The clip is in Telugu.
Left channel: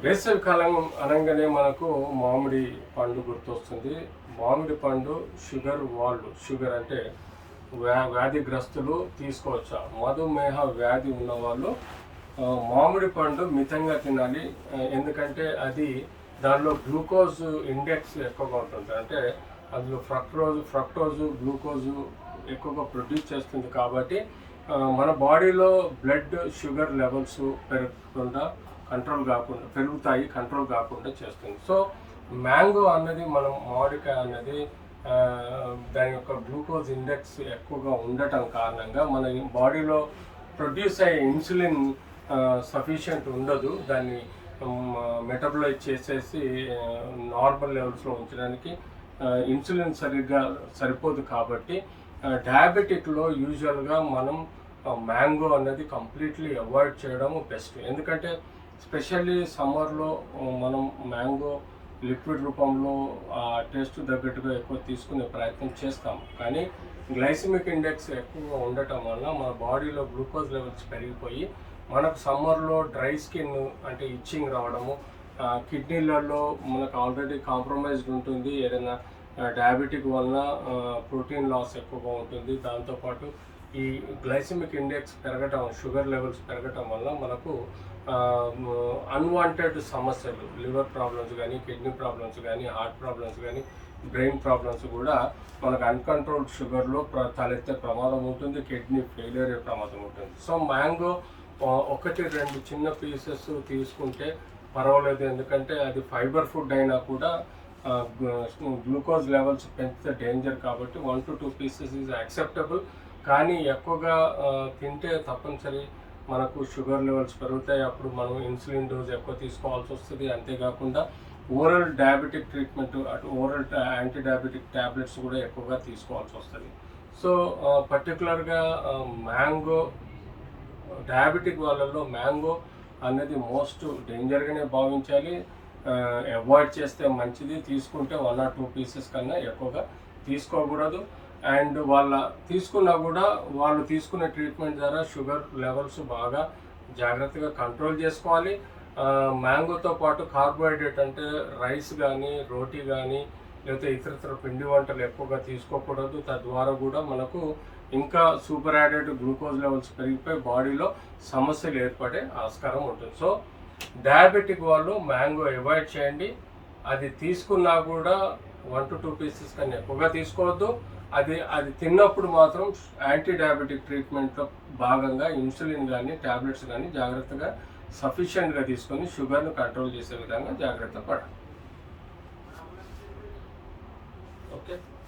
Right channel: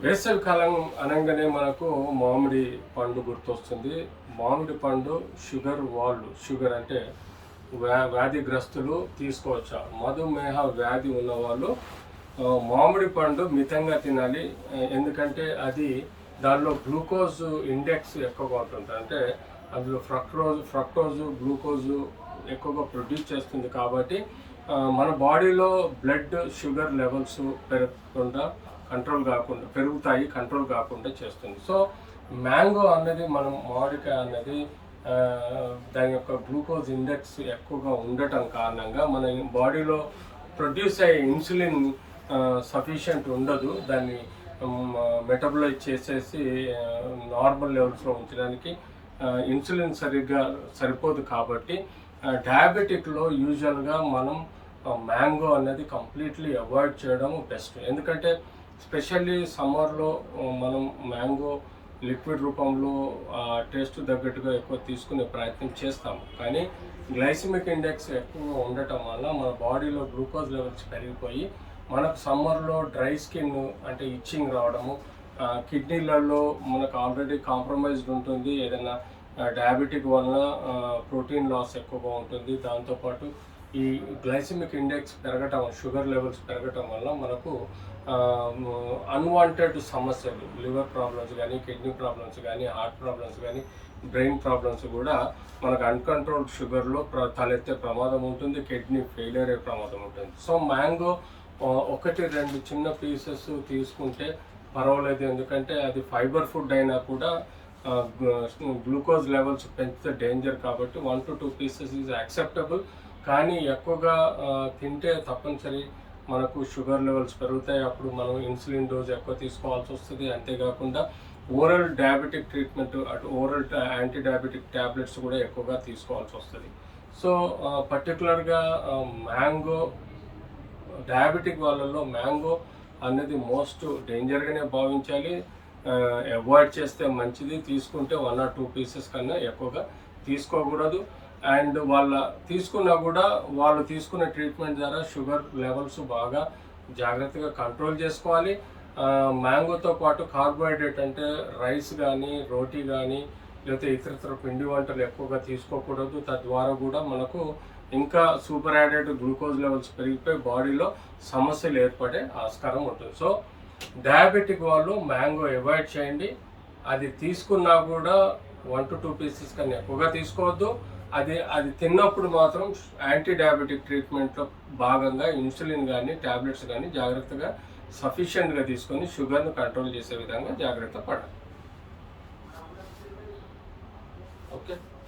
వేసవి కాలం అనగానే మనకు మామిడి పండు గుర్తొస్తుంది. మామిడి పండు షుగర్ అంటే వ్యాధిగ్రస్తులు తీసుకోవచ్చా? మధుమేహ వ్యాధి ఉన్నవాళ్ళు మామిడి పండు మితంగా తినాలి. ఎందుకంటే అది దానిలో గ్లూకోజ్ ఇండెక్స్ ఎక్కువగా ఉంటుంది. అంటే అందులో ఫ్రక్టోజు గ్లూకోజు ఎక్కువగా ప్రొడ్యూస్ చేస్తుంది. కాబట్టి మన బాడీలో బ్లడ్ షుగర్ లెవెల్స్ కంట్రోల్ కాకుండా చేస్తుంది. సో మ్యాంగో అన్నది మామిడికాయ అన్నది దాని యొక్క గ్లూకోజ్ ఇండెక్స్ ఎక్కువగా ఉండటం కారణంగా మన బాడీలో ప్రొడ్యూస్ అయ్యే ఇన్సులిన్ సఫిషియంట్ ఉండదు. దాన్ని మెటబలైజ్ చేసేసి నార్మల్ లెవెల్స్లో ఉంచడానికి ఇన్సులిన్ సరిపోదు. కాబట్టి డయాబెటిక్లో యూజువల్గా మనం మ్యాంగో అనేది కంప్లీట్లీ అవాయిడ్ చేయడం బెస్ట్. ఎందుకంటే స్పెషల్లీ సమ్మర్లో మనం మ్యాంగో లిక్విడ్ రూపంలో టేస్ట్ తగ్గట్టుగా ఎక్కువ తీసుకునే ప్రయత్నం చేస్తాము. కానీ గ్లైసిమిక్ ఇండెక్స్ ఎక్కువగా ఉండటం వల్ల మన బాడీలో గ్లూకోజ్ లెవెల్స్ పెరిగిపోయి మనకు సమ్మర్లో డ్రై స్కిన్ అంటే ఇచ్చింగ్ రావడము, కిడ్నీలలో మనకు ఆల్రెడీ కాంప్రమైజ్డ్ ఉంటుంది. ఏదైనా డయాబెటిక్ వలన ప్రోటీన్ లాస్ ఎక్కువగా ఉంటుంది. దాంతోపాటు ఈ గ్లైసిమిక్ ఇండెక్స్ పెరగటం, షుగర్ లెవెల్స్ పెరగటం వల్ల మనకు అన్వాంటెడ్ సమస్యలు, లివర్ ప్రాబ్లమ్స్ కానీ, కిడ్నీ ప్రాబ్లమ్స్ కానీ, హార్ట్ ప్రాబ్లమ్స్ కానీ, బ్రెయిన్ ప్రాబ్లమ్స్ కూడా మనకు అన్కంట్రోల్డ్ షుగర్లో తలెత్తే ప్రమాదం ఉంటుంది. కిడ్నీ ఫెయిలియర్ అయ్యే ప్రమాదం ఉంటుంది. సో మ్యాంగో 1-2 చిన్న పీసెస్ తీసుకుంటే పర్వాలేదు. ఎందుకంటే అది ఫైబర్ ఫుడ్ అయినా కూడా గ్లూకోజ్ లెవెల్స్ పెంచితే డేంజర్. కాబట్టి 1 to 2 పీసెస్ ఈజ్ యాక్సెప్టబుల్. కానీ ఎక్కువగా తింటే తప్పనిసరి మనకు షుగర్ లెవెల్స్ పెరుగుతాయి. అప్పుడు మనం ఇన్సులిన్ డోస్ ఎక్కువ తీసుకోవాల్సి వస్తుంది. అంతేకాకుండా oral diabetic treatment, oral anti diabetic tablets కూడా ఎక్కువగా తీసుకోవాల్సి వస్తుంది. సో పర్టికులర్గా మ్యాంగో డయాబెటిక్ వాళ్ళల్లో మ్యాంగో అనేది మోస్ట్ డేంజర్గానే భావించాలి. అవాయిడ్ చేస్తే మంచిది. తీసుకుంటే 1 or 2 పీసెస్ కన్నా ఎక్కువగా తీసుకోకూడదు. అండ్ తీసుకున్నా కూడా వాళ్ళు తీసుకునే ట్రీట్మెంట్ ద్వారా షుగర్ లెవెల్స్ బాగా జాగ్రత్తగా కంట్రోల్ చేసుకోవాలి. మ్యాంగోతో పాటు కార్బోహైడ్రేట్ అంటే రైస్ కానీ, రోటీ కానీ, లేకపోతే ఇతర పిండి వంటలు ఎక్కువగా తీసుకోకూడదు. తద్వారా కూడా మనకు ఇంకా సూపర్ యాడెడ్ గ్లూకోజ్ లెవెల్స్ పెరిగిపోయి బాడీలో సమస్యలు ఏర్పడే ఆస్కారం ఉంటుంది. సో డయాబెటిక్ వాళ్ళు మ్యాంగో అవాయిడ్ చేయండి. అది తీసుకున్నా కూడా 1 to 2 పీసెస్ కన్నా ఎక్కువగా తీసుకోవద్దు. అది తిన్నప్పుడు మాత్రం యాంటీ డయాబెటిక్ ట్రీట్మెంట్లో భాగంగా ఇన్సులిన్ కానీ, ట్యాబ్లెట్స్ కానీ జాగ్రత్తగా సఫిషియెంట్గా తీసుకొని షుగర్ను కంట్రోల్ చేసే విధంగా జాగ్రత్త పడాలి. ఓకే.